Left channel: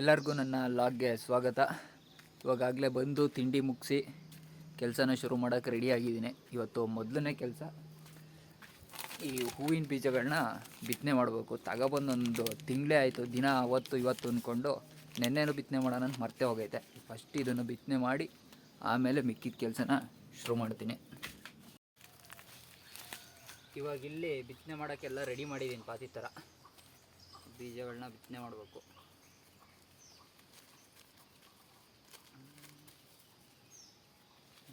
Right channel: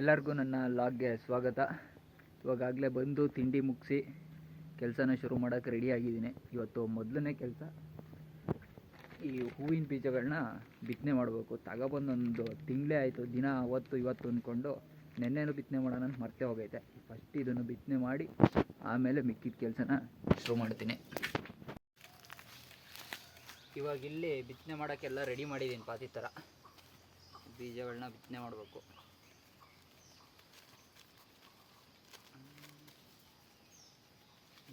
ಎಲ್ಲರಿಗೂ ನನ್ನ ಲಾಗ್ಗೆ ಸ್ವಾಗತ. ಇವಾಗಲೇ ಬಂದು ತಿಂಡಿ ಮುಗಿಸಿ ಕೆಲಸನ ಶುರು ಮಾಡೋಕ್ಕೆ ರೆಡಿಯಾಗಿದ್ದೀನಿ. ಇವತ್ತು ಮೊದಲನೇ ಕೆಲಸ, ಈ ಹೂವಿನ ಬೀಜಗಳನ್ನ ಬಿತ್ತನೆ ಮಾಡಬೇಕು. ತಗೊಬಂದೊಂದು ತಿಂಗಳೇ ಆಯಿತು. ದಿನ ಅವತ್ತು ಇವತ್ತು ಅಂದ್ಕೊಂಡು ನೆನ್ನೆನೂ ಬಿತ್ತನೆ ಮಾಡೋಣ ಅಂತ ಮರ್ತೇ ಹೋಗೈತೆ. ಫಸ್ಟ್ ಇದನ್ನು ಬಿತ್ತನೆ ಮಾಡಿ ಆಮೇಲೆ ಮಿಕ್ಕಿದ ಕೆಲಸನ ಶುರು ಮಾಡ್ತೀನಿ. ಇವಾಗ ಇಲ್ಲಿ ಬಿತ್ತನೆ ಮಾಡೋಕ್ಕೆಲ್ಲ ರೆಡಿ ಮಾಡಿದ್ದೀನಿ. ಪಾತಿ ಥರ ಬೀಜಗಳನ್ನ ಬಿತ್ತನೆ ಮಾಡಬೇಕು.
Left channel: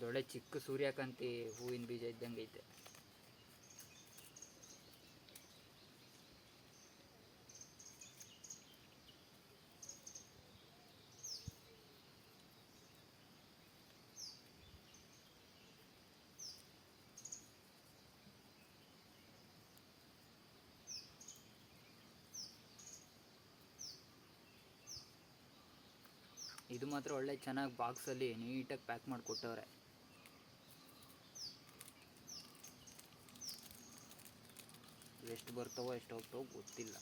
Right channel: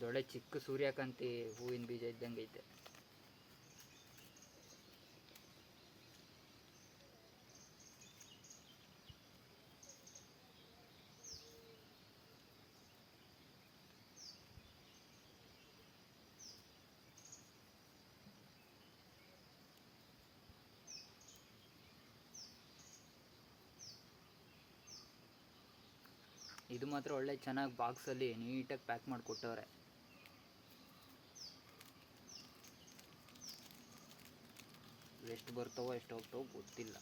ದೊಡ್ಡ ಚಿಕ್ಕ ಸೂರ್ಯಕಾಂತಿ ಹೂವಿನ ಬೀಜ ಇದ್ದಂಗೆ ಐತೆ. ಇದು ಮಾತ್ರ ಒಳ್ಳೆ ಚೆನ್ನಾಗಿ ಬಾಕ್ಸಲ್ಲಿ ನೀಟಾಗಿ ಪ್ಯಾಕ್ ಮಾಡಿಕೊಟ್ಟವ್ರೆ. ಎಷ್ಟು ಬರ್ತಾವೋ ಎಷ್ಟು ಹೋಗ್ತಾವೋ ಗೊತ್ತಿಲ್ಲ.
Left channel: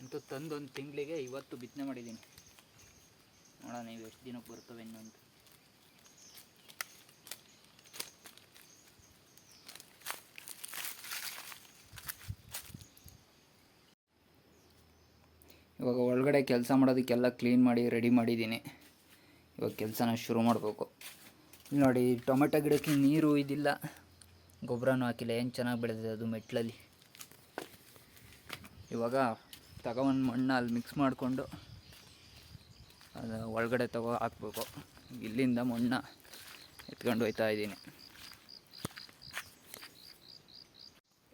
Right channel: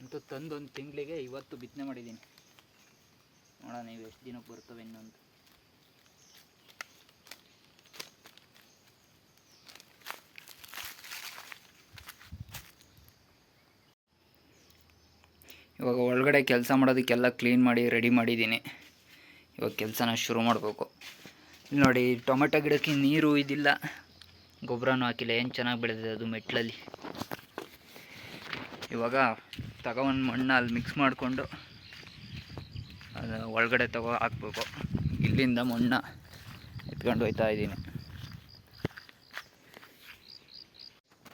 ಅಂತೂ ತಂದು ಒಂದು ತಿಂಗಳಿಗೆ ಇವತ್ತು ಬಿತ್ತನೆ ಮಾಡಿದ್ದೀನಿ. ನೋಡೋಣ ನೀವು ಎಷ್ಟು ದಿನಕ್ಕೆ ಬರ್ತವೆ ಇನ್ನೊಂದು. ಇವಾಗ ಒಳಗಡೆ ಕೆಲಸ ಮಾಡೋದಕ್ಕೆಲ್ಲ ಕ್ಲೀನ್ ಮಾಡಿ ರೆಡಿ ಮಾಡಿದ್ದೀನಿ. ಇವಾಗ ಕೆಲಸನ ಶುರು ಮಾಡಬೇಕು. ನೋಡಿ, ಟೊಮೆಟೊ ಗಿಡಕ್ಕೆ ನೀರು ಇದಿಲ್ಲ, ಗೊಬ್ಬರನೂ ಹಾಕಿಲ್ಲ. ಏನು ಚೆನ್ನಾಗಿ ಬೆಳೆದಿದೆ ಅದು ಮೆಟ್ಲಲ್ಲಿ. ಇವಾಗ ತಗೊಂಡು ಮಣ್ಣು ಅಲ್ಲಿ ಮಿಕ್ಸ್ ಮಾಡಿಕೊಂಡು ಅದು ಒಳಗಡೆ ಹಾಕ್ಬೇಕು. ಇಲ್ಲಿಂದ ಮಣ್ಣು ಎತ್ಕೊಂಡು ಹೋಗ್ತಾ ಇದ್ದೀನಿ.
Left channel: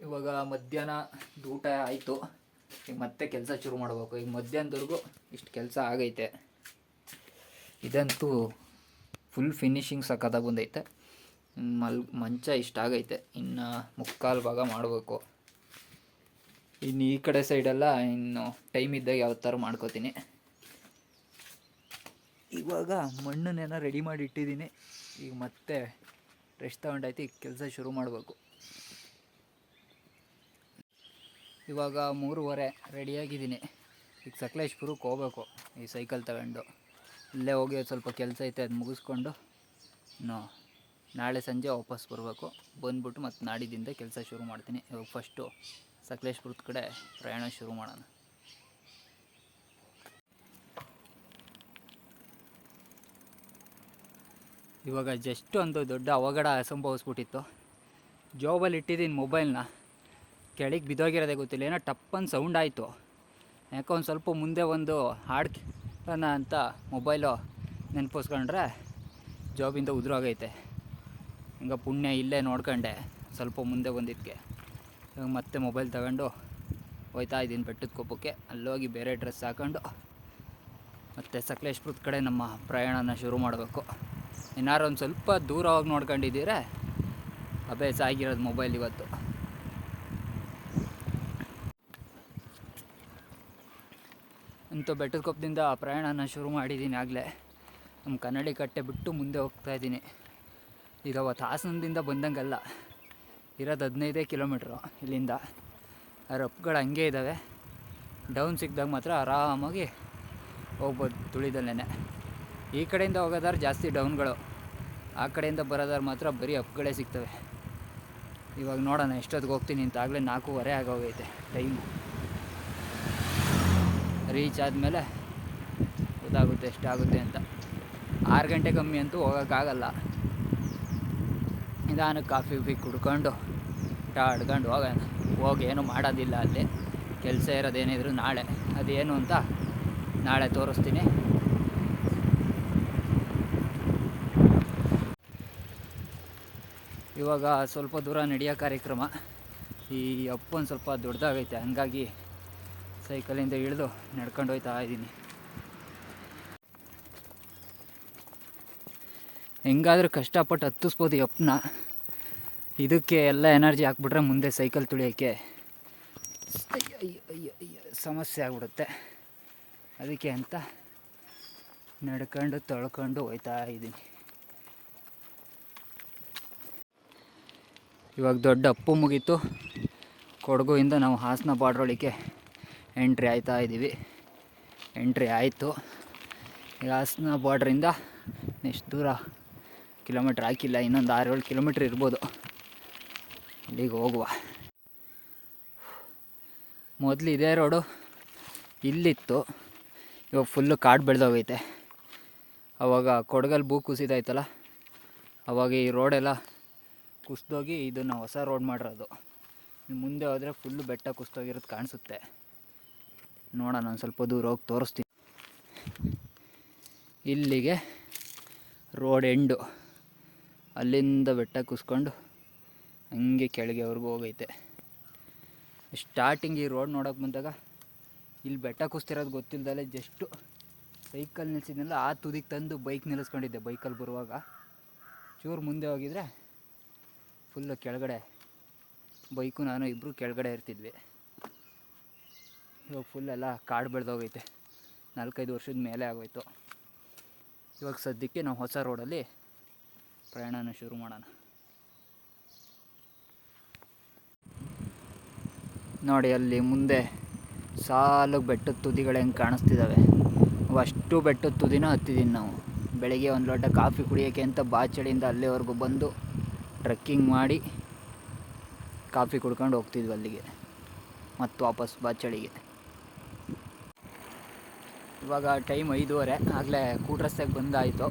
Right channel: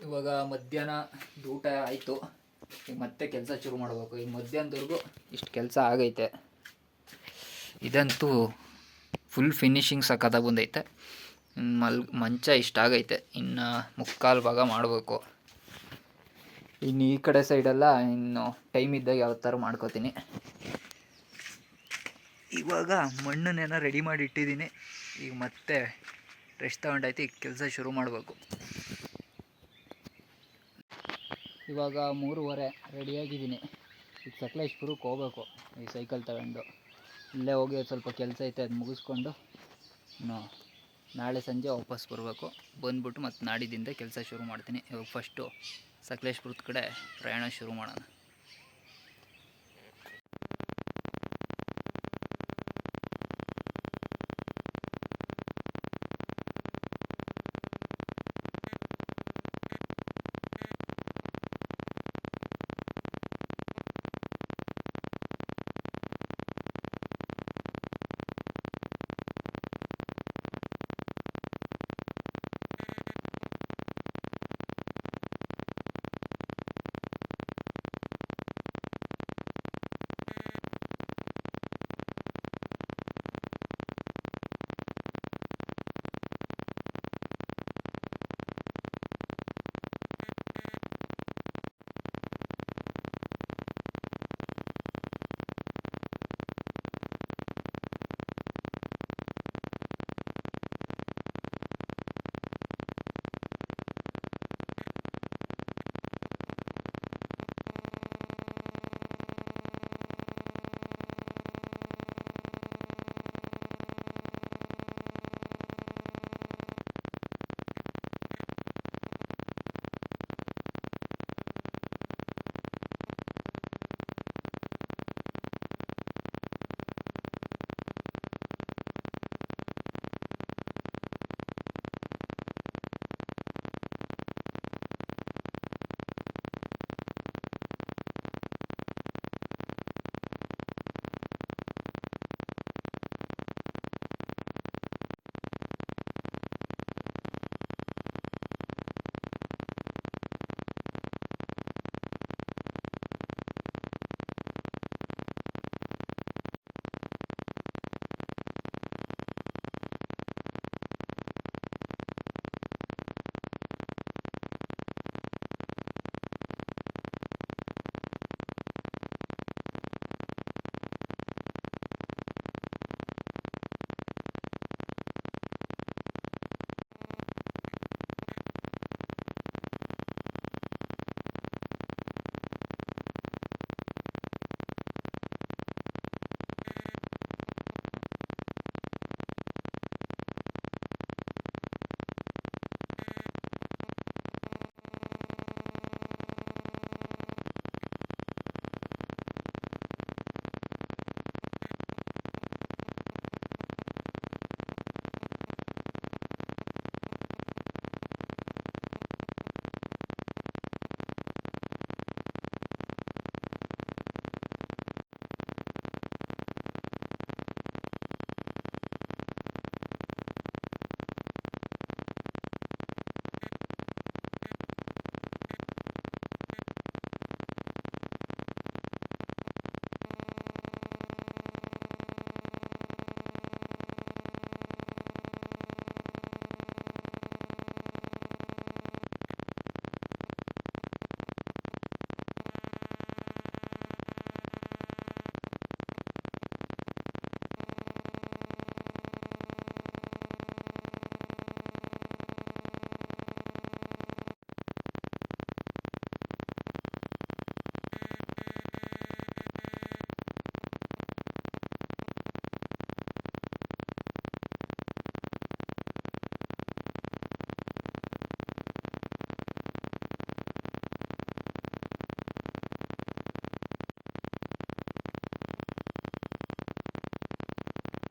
ಇವಾಗ ಮಧ್ಯಾಹ್ನ ಊಟ ಆಯಿತು. ಈಗ ಮತ್ತೆ ಕೆಲಸ ಶುರು ಮಾಡಬೇಕು. ಈಗ ಮಧ್ಯಾಹ್ನದವರೆಗೂ ಇಷ್ಟು ಕೆಲಸ ಆಗೈತೆ. ಇದಂತೂ ಫುಲ್ ಫಿನಿಶಿಂಗ್ ಸಖತ್ತಾಗಿ ಬಂದೈತೆ. ಮಂಚ ಇಷ್ಟಾಗೈತೆ. ಇನ್ನು ಮುಕ್ಕಾಲು ಭಾಗ ಮಾಡಬೇಕು. ಇನ್ನು ಈ ಕಡೆ ಸೈಡೆಲ್ಲ ಇನ್ನು ಟೈಮ್ ಇದ್ದಾಗ ಯಾವ ಥರ ಮಾಡ್ಕೋತೀನಿ. ಇವಾಗ ಮಣ್ಣನ್ನೇನೋ ರೆಡಿ ಮಾಡಿ ಇಟ್ಟಿದ್ದೀನಿ. ಈಗ ಮತ್ತೆ ರೆಸ್ಟ್ ತಗೊಂಡೈತಿ. ಈಗ ಕೆಲಸ ಶುರು ಮಾಡಬೇಕು. ಇವಾಗ 3:15 ರೆಡಿಯಾಗಿದ್ದೀನಿ. ಈಗ ಸಕಲೇಶ್ಪುರಕ್ಕೆ ಹೋಗ್ಬೇಕು ಈ ಸೈಕಲ್ ತಗೊಂಡು. ಇಲ್ಲೇ ಹೋಗಿ ಸ್ವಲ್ಪ ಕೆಲಸ ಐತೆ, ಅದು ಮುಗಿಸ್ಕೊಂಡು ನಾಳೆ ಸಂಜೆ ವಾಪಸ್ ಬರಬೇಕು. ಬಂದ್ಬಿಟ್ಟು ಮತ್ತು ನಾಡಿದ್ದಿಂದ ಕೆಲಸ ಶುರು ಮಾಡ್ತೀನಿ. ಇವಾಗ ಫಸ್ಟು ಸಕಲೇಶ್ಪುರದ ಕಡೆ ಪ್ರಯಾಣ ಶುರು ಮಾಡೋಣ. ಇವಾಗ ಜಸ್ಟ್ ಒಂದು ದೊಡ್ಡ ಅವಘಡ ಸಂಭವಿಸ್ಬಿಟ್ಟಿತ್ತು. ಜಾಬಲ್ಲಿ ಇಟ್ಟಿದ್ದೀನಿ ಮೊಬೈಲ್ನ, ಕೆಳಗೆ ಬಿದ್ದೋಗಿರೋದೇ ಗೊತ್ತಿಲ್ಲ. ಏನೋ ಟಪ್ಪನ್ನು ಸೌಂಡ್ ಆಯಿತು. ಯಾಕೋ ಒಂದು ಸ್ವಲ್ಪ ಮುಂದೆ ಒಂದು ಹಾಡ್ಕೋಣ ಅಂತ ಮೊಬೈಲು ನೆನಪಿಸ್ಕೊಂಡ್ರೆ ಜಾಬಿಂದ ಉದುರೋಗೈತೆ. ಹಿಂಗೆ ಪುಣ್ಯ ಇಲ್ಲೇ ನೋಡ್ಕೊಂಡೆ ಸ್ವಲ್ಪ ಮುಂದೆ ಬಂದಿದ್ದಕ್ಕೆ. ಇವಾಗ ಮತ್ತೆ ಮೊಬೈಲ್ ತಗೊಂಡು ಹೋಗ್ತಾ ಇದ್ದೀನಿ ಬೆಟ್ಟದ ಕೊಪ್ಪಕ್ಕೆ. ಅಲ್ಲೋಗಿ ಬೇರೆ ಡ್ರೆಸ್ ಹಾಕೊಂಡು ಮತ್ತು ಸಕಲೇಶ್ಪುರದ ಕಡೆ ನಮ್ಮ ಪ್ರಯಾಣನ ಶುರು ಮಾಡಬೇಕು. ಏನಾರು ಒಂದು ಸ್ವಲ್ಪ ದೂರ ಹೋಗಿ ನೋಡ್ಕೊಂಡಿದ್ದೀರ ಅಭ್ಯಾಸ ಆಗಿರೋದು ಮೊಬೈಲ್ ಇವತ್ತು. ಅಂತೂ ಬೆಟ್ಟದ ಕೊಪ್ಪದಿಂದ ಪ್ರಯಾಣನ ಶುರು ಮಾಡಿದ್ದೀನಿ. ಆಗಲೇ ನಮ್ಮ ಕನ್ನಡಿ ಕಟ್ಟೆ ಬಿಟ್ಟು ಮುಂದೆ ಹೋಗ್ತಾಯಿದ್ದೀನಿ. ಈಗ ಅವತ್ತು ಹಾಸನದಿಂದ ಬಂದಂಗಲ್ಲ, ಇರೋದು 15 ಕಿಲೋಮೀಟ್ರು ಇಲ್ಲಿಂದ. ರಫ್ಗಳು ಹಂಗೆ ಇದ್ದಾವೆ. ಡೌನ್ ಸಿಕ್ಕಿದಾಗ ಮಾತ್ರ ಆರಾಮಾಗಿ ಹೋಗ್ಬೋದು ತುಳಿದಲ್ಲೇ. ಈ ಕಡೆಯಿಂದ ಹೋಗೋದಾದ್ರೆ ಜಾಸ್ತಿ ಡೌನ್ಗಳು, ಆ ಕಡೆಯಿಂದ ಬರೋದಾದ್ರೆ ಮಾತ್ರ ಬರೀ ಅಪ್ಗಳೇ ಸಿಗ್ತವೆ. ಇವಾಗ ನೋಡೋಣ ಎಷ್ಟೊತ್ತಿಗೆ ಹೋಗ್ತೀನಿ ಅಂತ. ಆಗಲೇ 4:15 ಆಗೋಗೈತೆ ಟೈಮು. ರೀಚ್ ಆದಮೇಲೆ ಗೊತ್ತಾಗುತ್ತೆ ಎಷ್ಟಾಗುತ್ತೆ ಅಂತ. 6 ಗಂಟೆ ಕಮ್ಮಿ ಅಂತೂ ಹೋಗೋಕ್ಕಾಗಲ್ಲ. ನಿಧಾನಕ್ಕೆ ಕಾಫಿ ಕುಡ್ಕೊಂಡು ಆಡ್ಕೊಂಡು ಹೋಗೋಣ. ಹೋಗಿ ಏನೂ ಮಾಡೋದಿಲ್ಲ ಅಲ್ಲಿ. ಕೆಲಸ ಇರೋದೇನಿದ್ರು ನಾಳೆ, ಅದೇನು ಅಂತ ನಾಳೆ ತೋರಿಸ್ತೀನಿ. ಇವಾಗ ಸ್ವಲ್ಪ ದೂರ ನಡೆಯೋ ಕಾರ್ಯಕ್ರಮ. ಈ ಅಪ್ಪು ಒಂದು ಸ್ವಲ್ಪ ದೊಡ್ಡದಾಗೈತೆ, ಹಂಗಾಗಿ ಸೈಕಲಿಂದ ಇಳಿದು ನಡ್ಕೊಂಡು ಹೋಗ್ತಾ ಇದ್ದೀನಿ. ಹೆಂಗಾದರೂ ಕಷ್ಟಪಟ್ಟು ಹತ್ತಿಸ್ಬೋದು ಈ ಅಪ್ಪನ್ನ. ಇದಕ್ಕೆ ಎಲ್ಲ ಎನರ್ಜಿ ಹಾಕ್ಬಿಟ್ರೆ ಮುಂದೆ ಸೈಕಲ್ ತುಳಿಯೋಕ್ಕೆ ಸಮಸ್ಯೆ ಆಗ್ಬಿಡುತ್ತೆ. ಅದಕ್ಕೆ ಅದಕ್ಕೆ ಅಂತ ನಡ್ಕೊಂಡು ತೊಳ್ಕೊಂಡು ಹೋಗ್ತಾ ಇದ್ದೀನಿ. ಇವಾಗ ದೊಡ್ಡ ಅಪ್ಪು ಮುಗೀತು. ಕೊಡಗುಯಿಂದ ನಾವು ಹಾಸನ ಬಾರ್ಡ್ರೊಳಗೆ ಎಂಟ್ರಿ ಆಯ್ತಾ ಇದ್ದೀವಿ. ಎಂಟ್ರಿ ಆಯಿತು. ಈಗ ಹಾಸನ ಬಾರ್ಡ್ರಿಂದ ಎಷ್ಟು ದೂರ ಕಿಲೋಮೀಟ್ರ್ ಹಾಕಿಲ್ಲ, ಇನ್ನೊಂದು 6-7 ಕಿಲೋಮೀಟ್ರ್ ಇರ್ಬೋದು. ಅಲ್ಲಿಗೆ ಹೋಗುವ. ಮೊದಲು ಇದೇ ರೋಡು ಇಲ್ಲಿತ್ತು, ಇವಾಗ ಫುಲ್ಲು ಕಾಡು ಬೆಳೆದೋಗೈತೆ. ಆವಾಗ ಕೊಡಗಲ್ಲಿ ಭೂ ಕುಸಿತ ಆಯ್ತಲ್ಲ, ಆವಾಗ ಈ ರೋಡೆಲ್ಲ ಕುಸಿದೋಗಿ ಇದನ್ನು ಹೊಸ ರೋಡ್ ಮಾಡಿರೋದು. ಮುಂದೆ ಹೋದರೆ ಫುಲ್ಲು ಬೆಟ್ಟ ಕುಸಿದೋಗಿರೋದು ಕಾಣಿಸುತ್ತೆ. ನೋಡೋಣ, ಒಂದು ಸ್ವಲ್ಪ ದೂರ ಹೋಗಿ ತೋರಿಸ್ತೀನಿ. ಇಲ್ಲಿಗೆ ರೋಡ್ ಎಂಡು, ಅಲ್ಲಿಂದ ಬೆಟ್ಟ ಕುಸ್ಕೊಂಡು ಹಂಗೆ ಕೆಳಗೆವರೆಗೂ ಹೋಗೈತೆ. ಸ್ಟಾರ್ಟಿಂಗ್ ಈ ರೋಡ್ ನೋಡೋಕೆ ಬಂದಾಗ ಇಲ್ಲಿ ಬೆಟ್ಟ ಕುಸ್ತಿರೋದು ಗೊತ್ತಿಲ್ಲದಲ್ಲೇ ಜಸ್ಟು ಸೈಕಲ್ ನಿಲ್ಸಿದ್ನಲ್ಲ, ಆ ತುದಿಗೆ ತಂದು ಬೈಕ್ ನಿಲ್ಲಿಸ್ಕೊಂಡಿದ್ದೆ. ಬೈಕಲ್ಲಿ ಬರುವಾಗ ಚೂರು ಮುಂದೆ ಹೋಗಿದ್ರೆ ಫುಲ್ಲು ಕೆಳಗಡೆ ಬೈಕು ನಾನು ಇಬ್ಬರು ಕೆಳಗಡೆ ಇರ್ತಿದ್ವಿ. ಇವಾಗ ಫುಲ್ಲೆಲ್ಲ ಕಾಡು ಬೆಳೆದೋಗೈತೆ. 4-5 ವರ್ಷದ ಮೇಲೆ ಆಗೋಯ್ತು. ಇವಾಗ ಸದ್ಯಕ್ಕೆ ನಾವು ಹೊಸ ರೋಡಲ್ಲಿ ಪ್ರಯಾಣನ ಶುರು ಮಾಡೋಣ. ನೋಡಿ, ಅಲ್ಲಿ ಮುಂದೆ ಸಾಲು ಬೆಟ್ಟದ ತುದಿಗಳು ಹೆಂಗೆ ಕಾಣಿಸ್ತಿದ್ದಾವೆ. ಅಷ್ಟು ಬೆಟ್ಟದ ತುದಿನ ಹತ್ತಿದ್ದೀನಿ ನಾವು. ಬೆಳಗ್ಗೆ ಒಂದು ಲೋಟ ಕಾಫಿ ಕುಡಿಯೋಕ್ಕೆ ಅಂತ ಬಾಚಳಿಯಿಂದ ಅಲ್ಲಿವರೆಗೂ ಬಂದು ಟ್ರೆಕ್ಕಿಂಗ್ ಮಾಡಿ ಕಾಫಿ ಕುಡ್ಕೊಂಡು ಹೋಗ್ತಿದ್ವಿ ಅಲ್ಲಿಗೆ, ಮತ್ತು ವಾಪಸ್ ಬಾಚಳಿಗೆ. ಇವಾಗ ಟೈಮ್ 5:30, ಆಗಲೇ ಕೂಟ್ರಸ್ತೆಗೆ ಬಂದಾಯಿತು.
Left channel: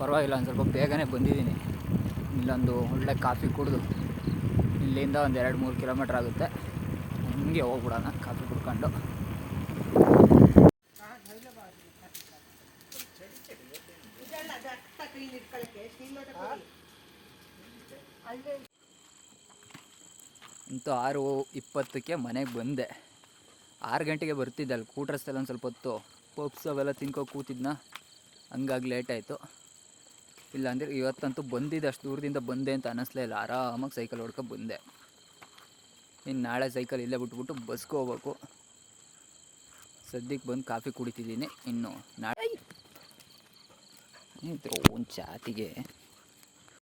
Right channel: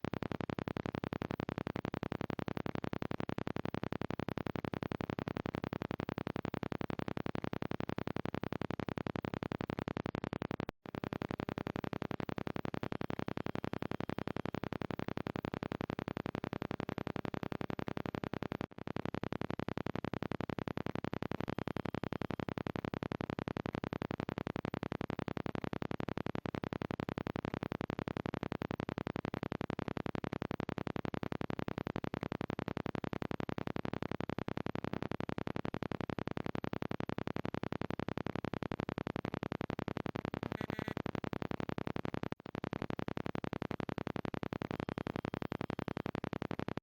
ಪರವಾಗಿಲ್ಲ, ಒಂದು ಸ್ವಲ್ಪ ಬೇಗನೆ ಬಂದಿದ್ದೀನಿ. ಇಲ್ಲೊಂದು ಒಳ್ಳೆ ಕಾಫಿ ಕುಡಿದು ಇಲ್ಲಿಂದ ಒಂದು 2-3 ಕಿಲೋಮೀಟ್ರ್ ಆಗುತ್ತೆ. ಹಂಗೆ ಹೋಗ್ಬಿಡೋಣ ಕಾಫಿ ಕುಡ್ಕೊಂಡು. ಅಂತೂ 6:20ಕ್ಕೆ ಮನೆಗೆ ಬಂದೆ. 6 ಗಂಟೆಗೆ ಬರ್ತಿದ್ದೆ. ಅಲ್ಲಿ ಕೂಟ್ರಸ್ತೆಲ್ಲ ಒಂದು ಸ್ವಲ್ಪ ಹೊತ್ತು ಪಪ್ಸ್ ಅವೆಲ್ಲ ತಿನ್ಕೊ ಕೂತಿದ್ನ, ಹಂಗಾಗಿ ಲೇಟ್ ಆಯಿತು. ಇಲ್ಲಾಂದರೆ ಇವತ್ತಂತೂ ಬಂದಿದ್ದೆ, ಅಷ್ಟು ದೂರದಿಂದ ಬಂದೆ ಅಂತ ಅನ್ನಿಸ್ಲೇ ಇಲ್ಲ. ಆರಾಮಾಗಿ ಸೈಕಲ್ ಹೊಡ್ಕೊಂಡು ಬಂದೆ. ಇನ್ನು ನಾಳೆ ಸೈಕಲ್ ಇಲ್ಲೇ ಬಿಟ್ಬಿಟ್ಟು ಬಸ್ಗೆ ಹೋಗ್ಬೇಕು. ಸದ್ಯಕ್ಕೆ ಬಂದು ಕಾಫಿ ಕುಡಿತಿದ್ದೀನಿ. ಇನ್ನು ನಾಳೆ ಒಂದು ಚಾತಿಗೆ